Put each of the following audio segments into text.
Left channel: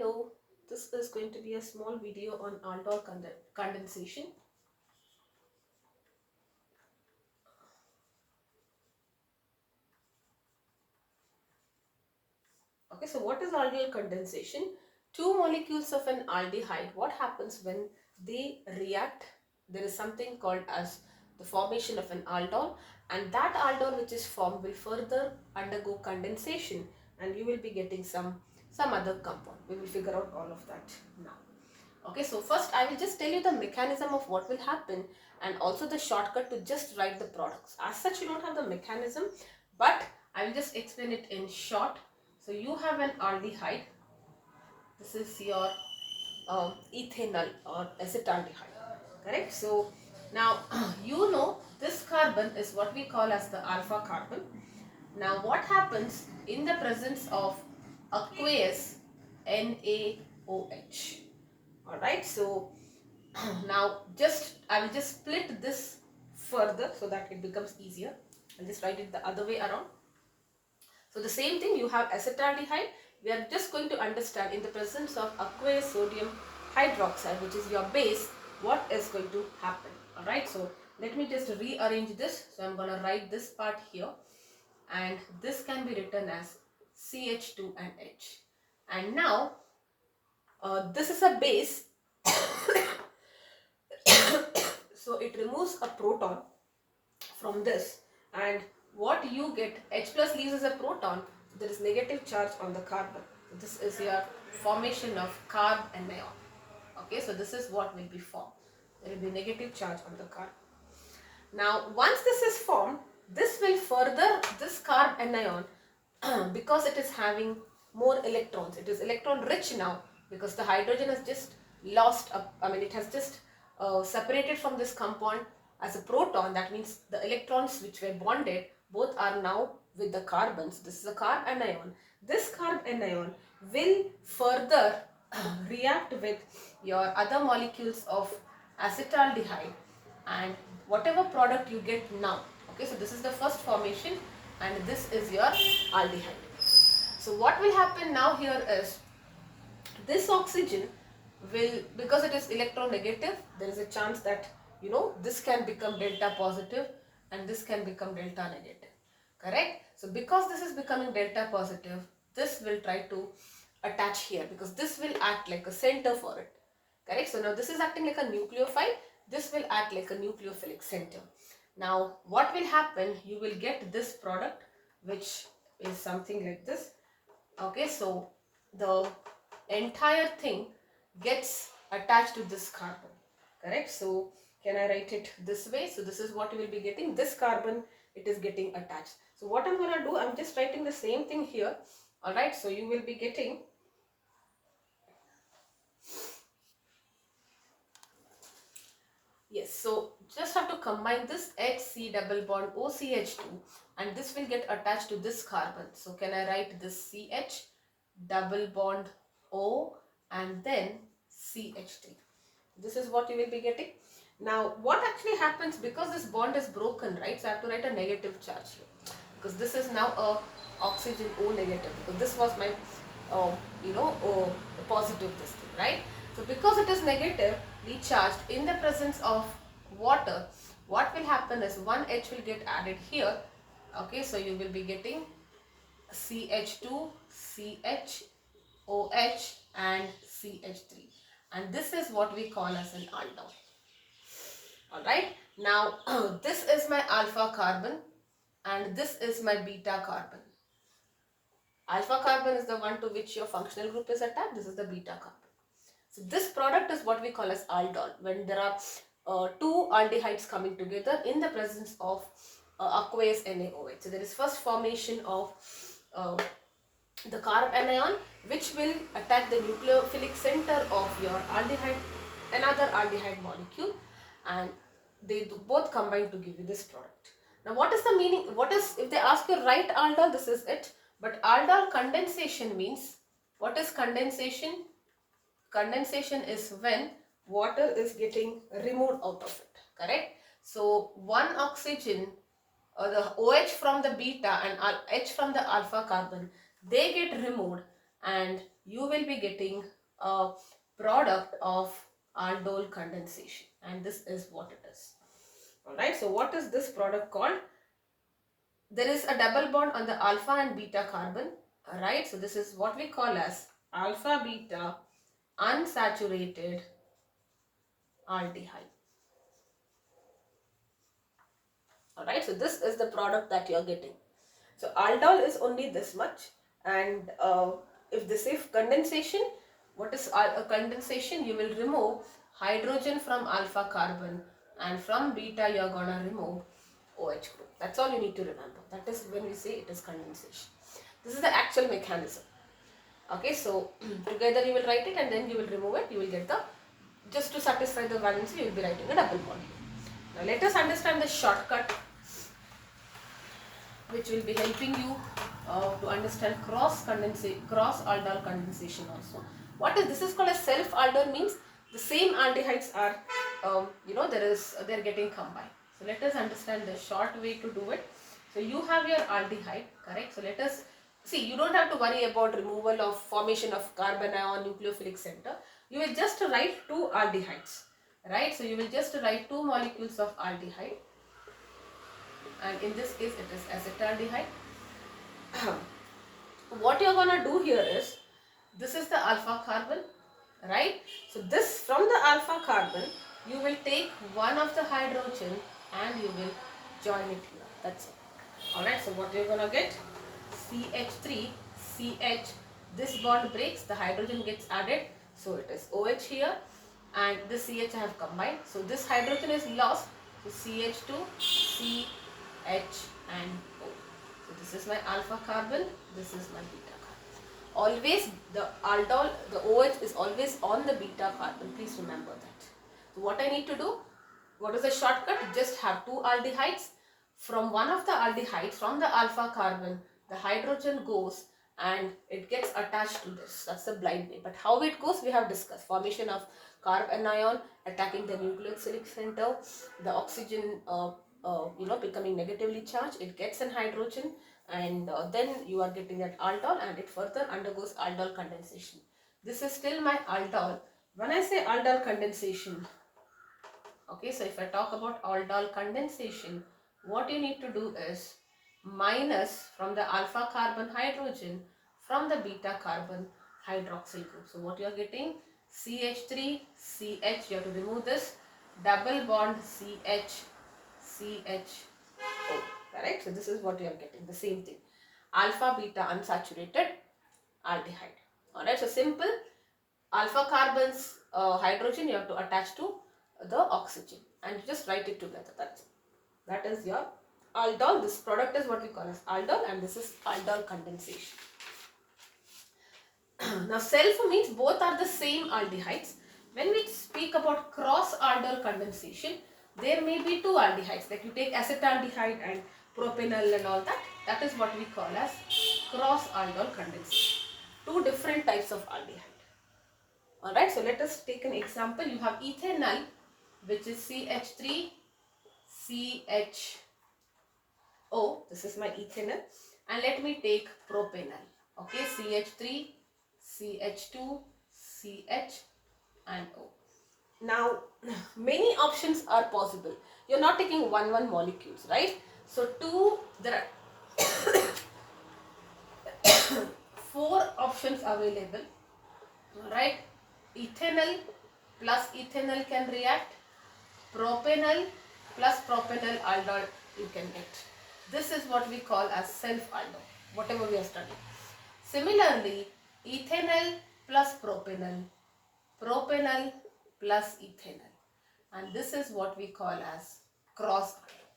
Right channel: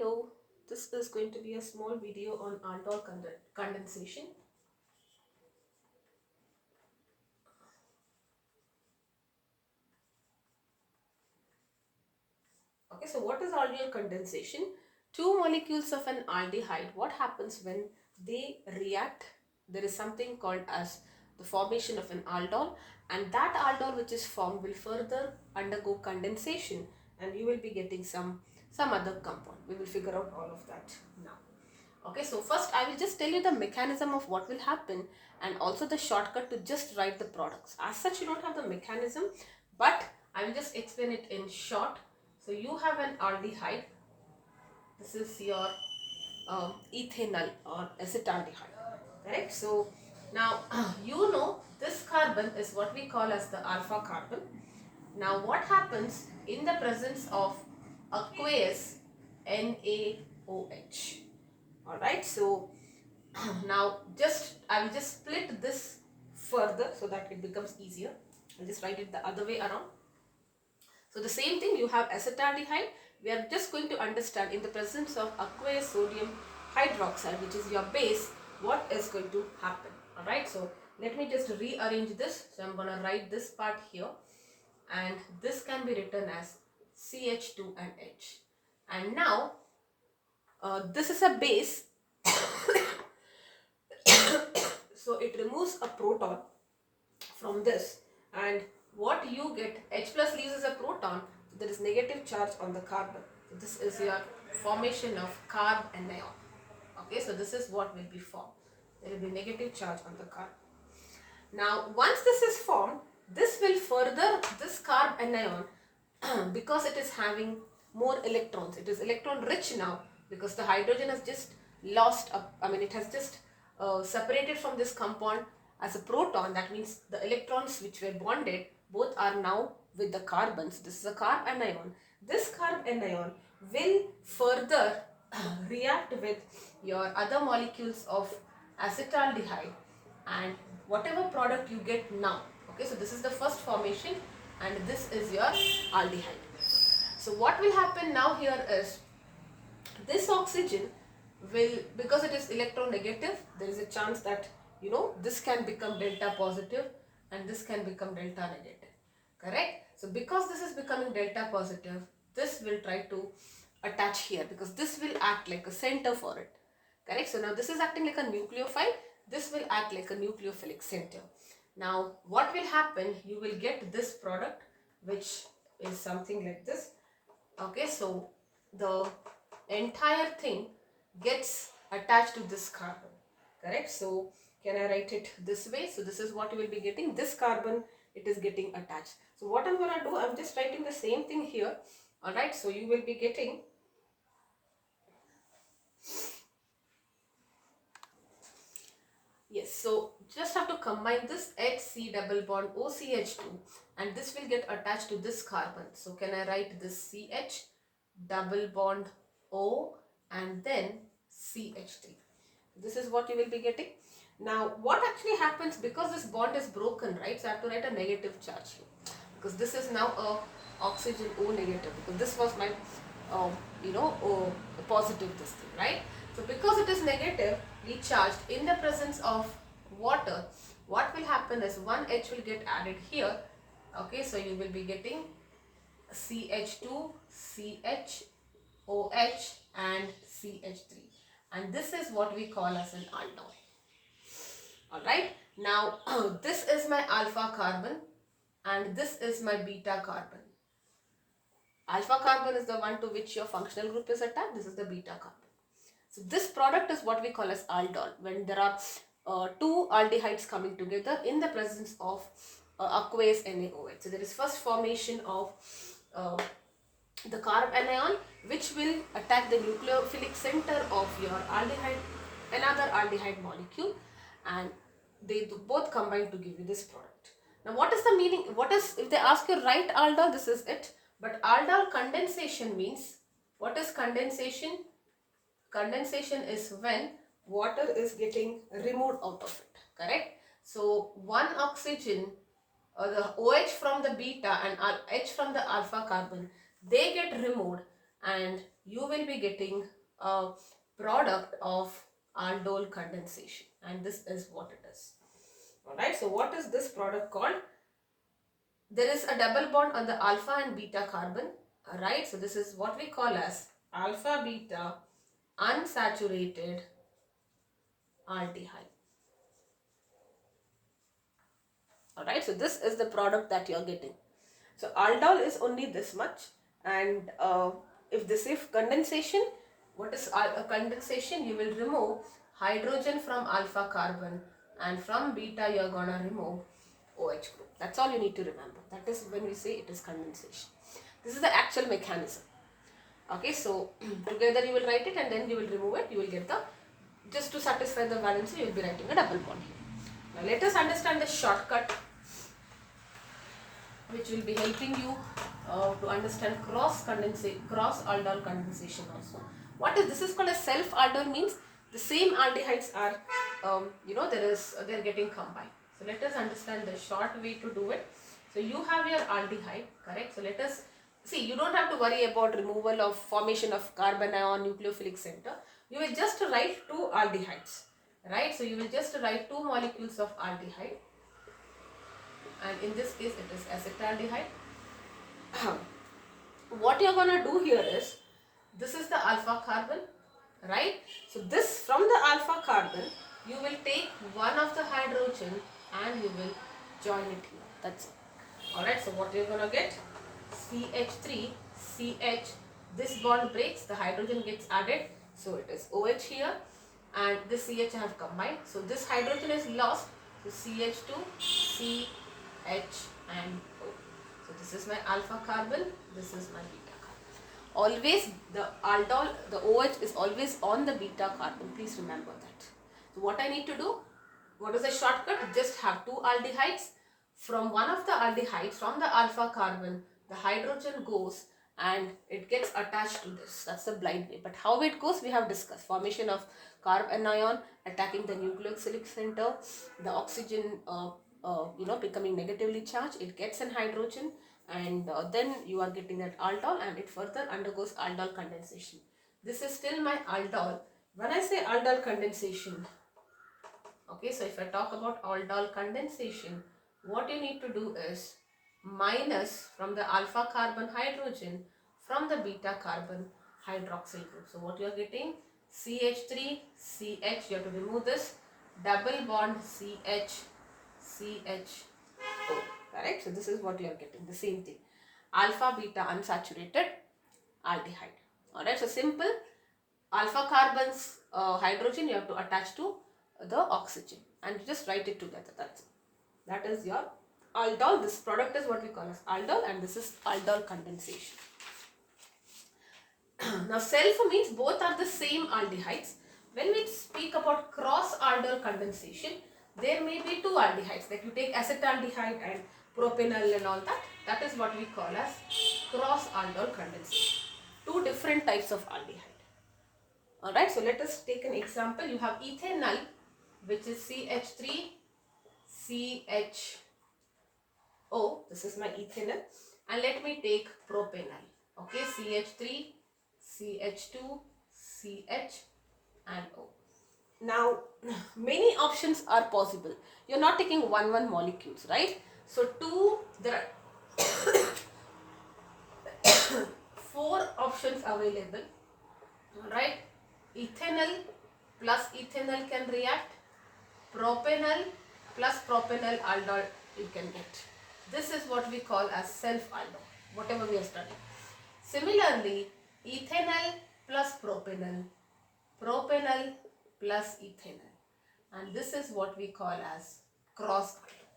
Hello, this is going to be a small video on aldol condensation. Okay, so what is aldol condensation? Two molecules of an aldehyde, what happens when they react? There is something called as the formation of an aldol, and that aldol which is formed will further undergo condensation, and you will be getting some other compound. We will figure out all of that now. Okay, so first I will just tell you the mechanism of what will happen and also the shortcut to just write the products. As such, you don't have the mechanism, but I will just explain it in short. So you have an aldehyde. This is your ethanol or acetaldehyde, correct? So now you know this carbon is what we call as the alpha carbon. Now what happens in the presence of aqueous NaOH? Alright, so now I will just split this further so that it becomes easier. I'll just write it the other way around. So the same thing, you have acetaldehyde. We are just going to understand in the presence of aqueous sodium hydroxide, which is your base, what is going to happen. Alright, so let me just rearrange this. So I'm going to write this part here, and this can be written as CH2 and H. And now this is a base. So it removes a proton from this, and what you get, H plus leaves as a proton, so there is negative charge on the carbon. So this is your formation of carb anion. Okay, so this is what will be formed. There will be negative charge on the carbon. Now once this is formed, this will further this carb anion because it is having more electrons. It is electron rich now because the hydrogen has just lost it has just separated from this compound as a proton. That means the electrons which were bonded both are now with the carbons. This is a carb anion. This carb anion will further react with your other molecules of acetaldehyde, and whatever product you get now. Okay, so this is the first formation, and this is your aldehyde. So what will happen now here is this oxygen will, because it is electronegative, there is a chance that this can become delta positive and this can become delta negative, correct? So because this is becoming delta positive, this will try to attach here because this will act like a center for it, correct? So now this is acting like a nucleophile, this will act like a nucleophilic center. Now what will happen, you will get this product which is something like this. Okay, so the entire thing gets attached to this carbon, correct? So can I write it this way? So this is what you will be getting, this carbon, it is getting attached. So what I'm going to do, I'm just writing the same thing here. All right, so you will be getting yes, so just have to combine this HC double bond OCH2, and this will get attached to this carbon. So can I write this CH double bond O and then CH3. This is what you will be getting. Now what actually happens, because this bond is broken, right? So I have to write a negative charge here because this is now a oxygen O negative, because this was my positive this thing, right? So because it is negatively charged in the presence of water, what will happen is one H will get added here. Okay, so you will be getting CH2, CH, OH and CH3, and this is what we call as an aldol. Alright, now this is my alpha carbon and this is my beta carbon. Alpha carbon is the one to which your functional group is attached. This is the beta carbon. So this product is what we call as aldol, when there are two aldehydes coming together in the presence of aqueous NaOH. So there is first formation of the carb anion, which will attack the nucleophilic center of your aldehyde, another aldehyde molecule, and they both combine to give you this product. Now what is the meaning, what is, if they ask you write aldol, this is it. But aldol condensation means, what is condensation? Condensation is when water is getting removed out of it, correct? So one oxygen, the OH from the beta and H from the alpha carbon, they get removed, and you will be getting a product of aldol condensation, and this is what it is. Alright, so what is this product called? There is a double bond on the alpha and beta carbon. Alright, so this is what we call as alpha beta unsaturated aldehyde. Alright, so this is the product that you are getting. So aldol is only this much, and if this is condensation, what is a condensation? You will remove hydrogen from alpha carbon, and from beta you are gonna remove OH group. That's all you need to remember. That is when we say it is condensation. This is the actual mechanism. Okay, so together you will write it and then you will remove it. You will get the, just to satisfy the valency, you will be writing a double bond here. Now let us understand the shortcut which will be helping you to understand cross aldol condensation also. What is this? Is called a self aldol, means the same aldehydes are they are getting combined. So let us understand the short way to do it. So you have your aldehyde, correct? So let us see, you don't have to worry about removal of formation of carbon ion nucleophilic center. You will just write two aldehydes, right? So you will just write two molecules of aldehyde, and in this case it is acetaldehyde. What you're gonna do here is, this is the alpha carbon, right? So this, from the alpha carbon you will take one of the hydrogen and you will join it here. That's it. Alright, so what you're gonna get? CH3, CH, this bond breaks, the hydrogen gets added, so it is OH here, and this CH I have combined, so this hydrogen is lost, so CH2, CH and O. So this is my alpha carbon, this is my beta carbon. Always the aldol, the OH is always on the beta carbon, please remember that. So what I need to do, what is the shortcut? Just have two aldehydes. From one of the aldehydes, from the alpha carbon, the hydrogen goes and it gets attached to this. That's the blind way. But how it goes, we have discussed. Formation of carbon anion attacking the nucleophilic center, the oxygen becoming negatively charged, it gets an hydrogen, and then you are getting that aldol, and it further undergoes aldol condensation. This is still my aldol. When I say aldol condensation, okay, so if I talk about aldol condensation, what you need to do is minus from the alpha carbon hydrogen from the beta carbon hydroxyl group. So what you are getting? CH3, CH, you have to remove this, double bond CH, CHO, correct? So this is what you are getting, the same thing. Alpha beta unsaturated aldehyde. Alright, so simple. Alpha carbon's hydrogen you have to attach to the oxygen and just write it together. That's it. That is your aldol. This product is what we call as aldol, and this is aldol condensation. Now self means both are the same aldehydes. When we speak about cross aldol condensation, there may be two aldehydes, like you take acetaldehyde and propanol and all that. That is what we call as cross aldol condensation. Two different types of aldehyde. Alright, so let us take an example. You have ethanol, which is CH3, CHO. This is my ethanol. And let me take propanol. Okay, CH3, CH2, CH and O. Now, many options are possible. You're not taking one molecules, right? So, there are 4 options available, right? Ethanol plus ethanol can react, propanol plus propanol aldol you can get. This is what we call as self-aldol, whatever we are studying. Similarly, ethanol plus propanol, propanol plus ethanol, and this is what we call as cross-aldol.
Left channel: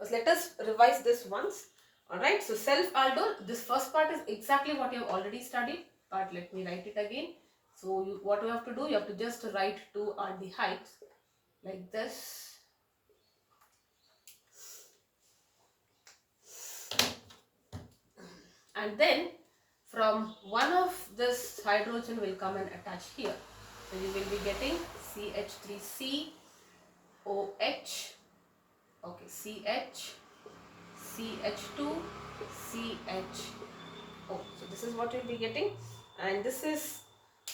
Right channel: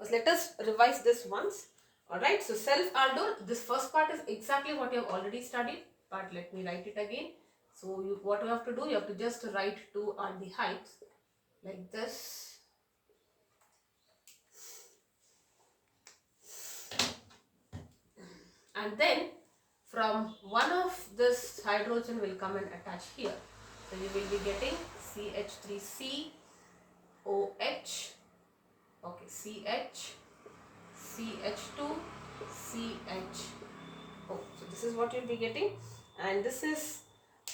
So let us revise this once. Alright, so self-aldol, this first part is exactly what you have already studied, but let me write it again. So what you have to do, you have to just write two aldehydes like this. And then from one of this hydrogen will come and attach here. So you will be getting CH3COH, okay, CH, CH2, CHO. So this is what you will be getting. and this is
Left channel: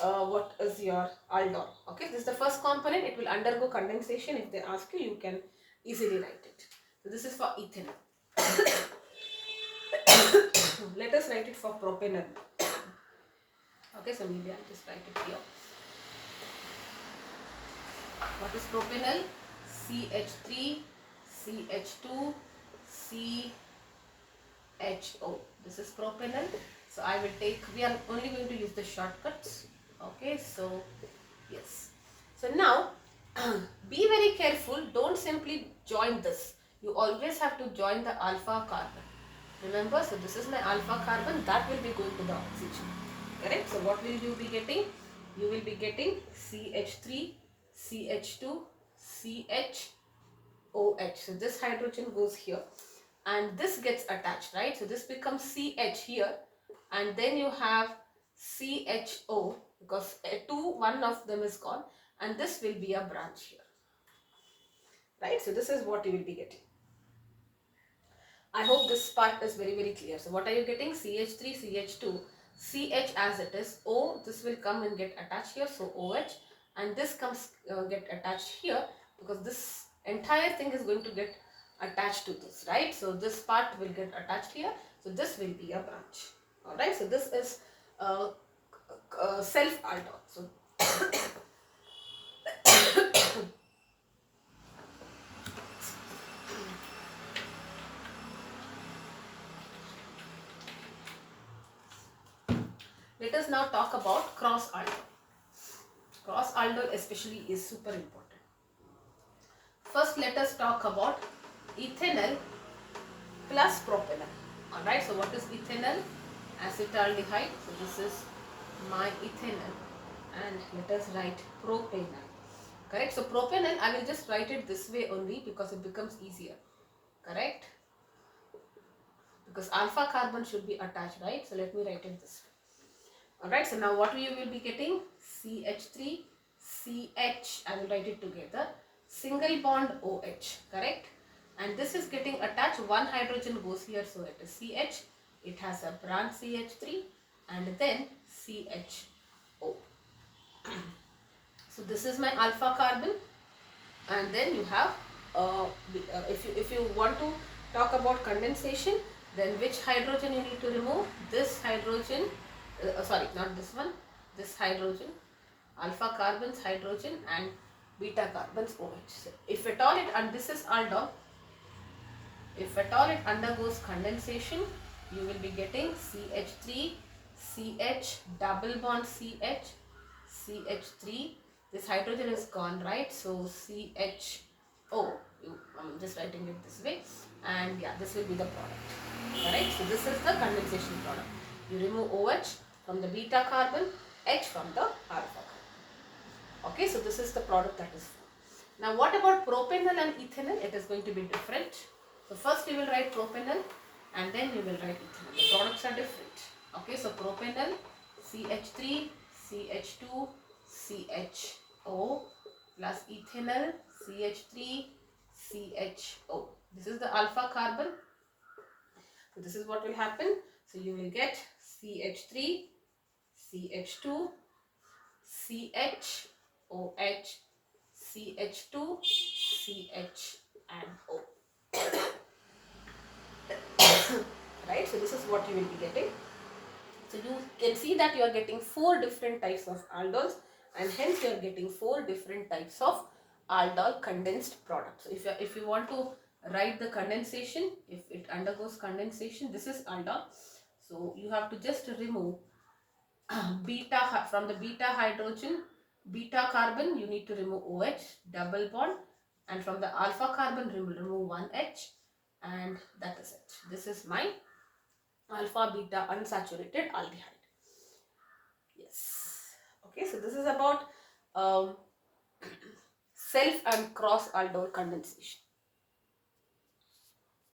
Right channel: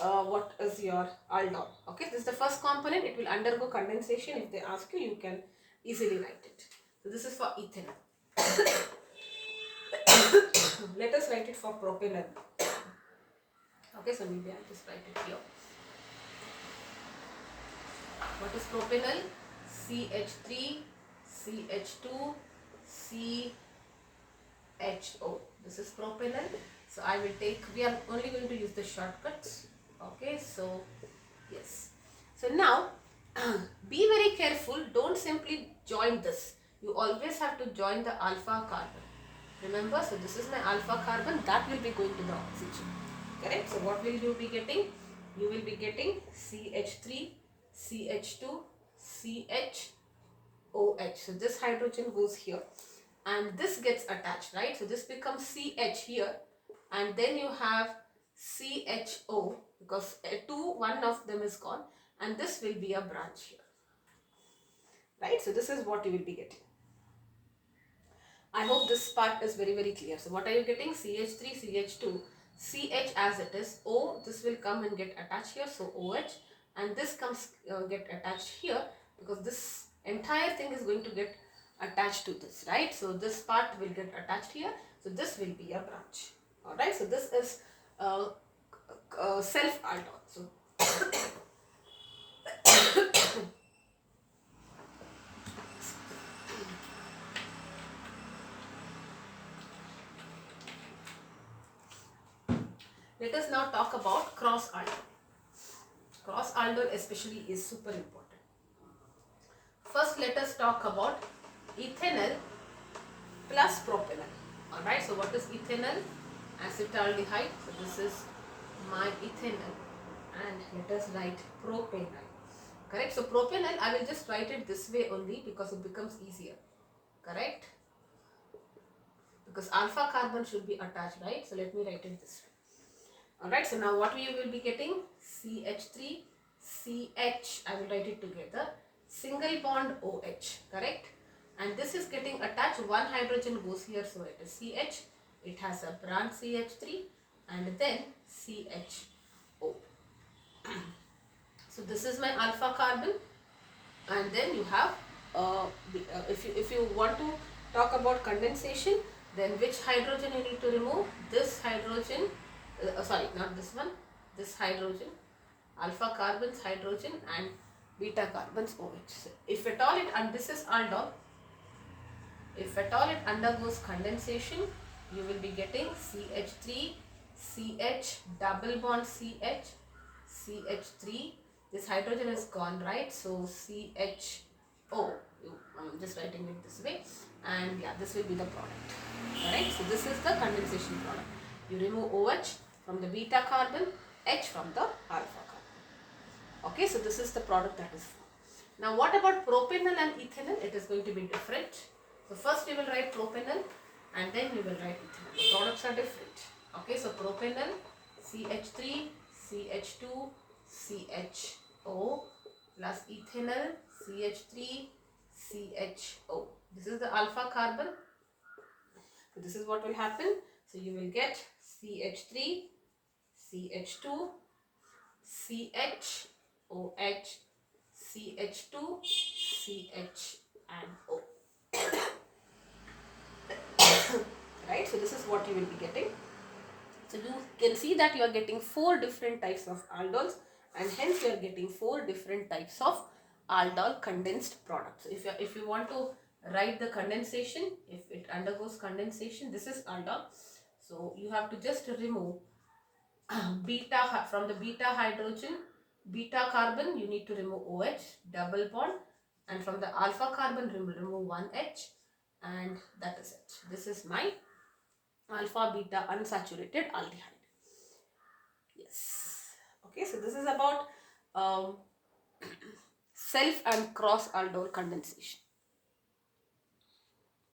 what is your aldol. Okay, this is the first component. It will undergo condensation. If they ask you, you can easily write it. So this is for ethanol. Let us write it for propanol. Okay, so maybe I'll just write it here. What is propanol? CH3, CH2, CHO. This is propanol. So I will take, we are only going to use the shortcuts. Okay, so yes. So now be very careful. Don't simply join this. You always have to join the alpha carbon. Remember, so this is my alpha carbon, that will be going to the oxygen. Correct? So what will you be getting? You will be getting CH3, CH2, CHOH. So this hydrogen goes here and this gets attached, right? So this becomes CH here, and then you have CHO because one of them is gone, and this will be a branch here, right? So this is what you will be getting. I hope this part is very clear. So what are you getting? CH3, CH2, CH as it is, O, this will come and get attached here, so OH, and this comes get attached here because this entire thing is going to get attached to this, right? So this part will get attached here, so this will be a branch. Alright, so this is self aldol. So let us now talk about cross aldol. Cross aldol especially is super important. First, let us talk about ethanol plus propanol. Alright, so what is ethanol? Acetaldehyde. So this is my ethanol, and let us write propanol. Correct? So propanol, I will just write it this way only because it becomes easier. Correct? Because alpha carbon should be attached, right? So let me write it this way. Alright, so now what you will be getting? CH3, CH, I will write it together. Single bond OH, correct? And this is getting attached, one hydrogen goes here, so it is CH. It has a branch CH3 and then CHO. So this is my alpha carbon, and then you have, if you want to talk about condensation, then which hydrogen you need to remove? This hydrogen, sorry, not this one, this hydrogen, alpha carbons hydrogen and beta carbons OH. So if at all it, and this is aldol, if at all it undergoes condensation, you will be getting CH3, CH, double bond CH, CH3, this hydrogen is gone, right? So CHO, I'm just writing it this way, and yeah, this will be the product. Alright, so this is the condensation product. You remove OH from the beta carbon, H from the alpha carbon. Okay, so this is the product that is formed. Now what about propanol and ethanol? It is going to be different. So first you will write propanol and then you will write ethanol. The products are different. Okay, so propanol, CH3, CH2, CHO plus ethanol, CH3, CHO. This is the alpha carbon. So this is what will happen. So you will get CH3, CH2, CH, OH, CH2, CH and O. Right, so this is what you will be getting. So you can see that you are getting 4 different types of aldols, and hence you are getting 4 different types of aldol condensed products. So if you want to write the condensation, if it undergoes condensation, this is aldol. So you have to just remove beta from the beta hydrogen, beta carbon, you need to remove OH, double bond, and from the alpha carbon remove one H, and that is it. This is my alpha beta unsaturated aldehyde. Yes. Okay, so this is about self and cross aldol condensation.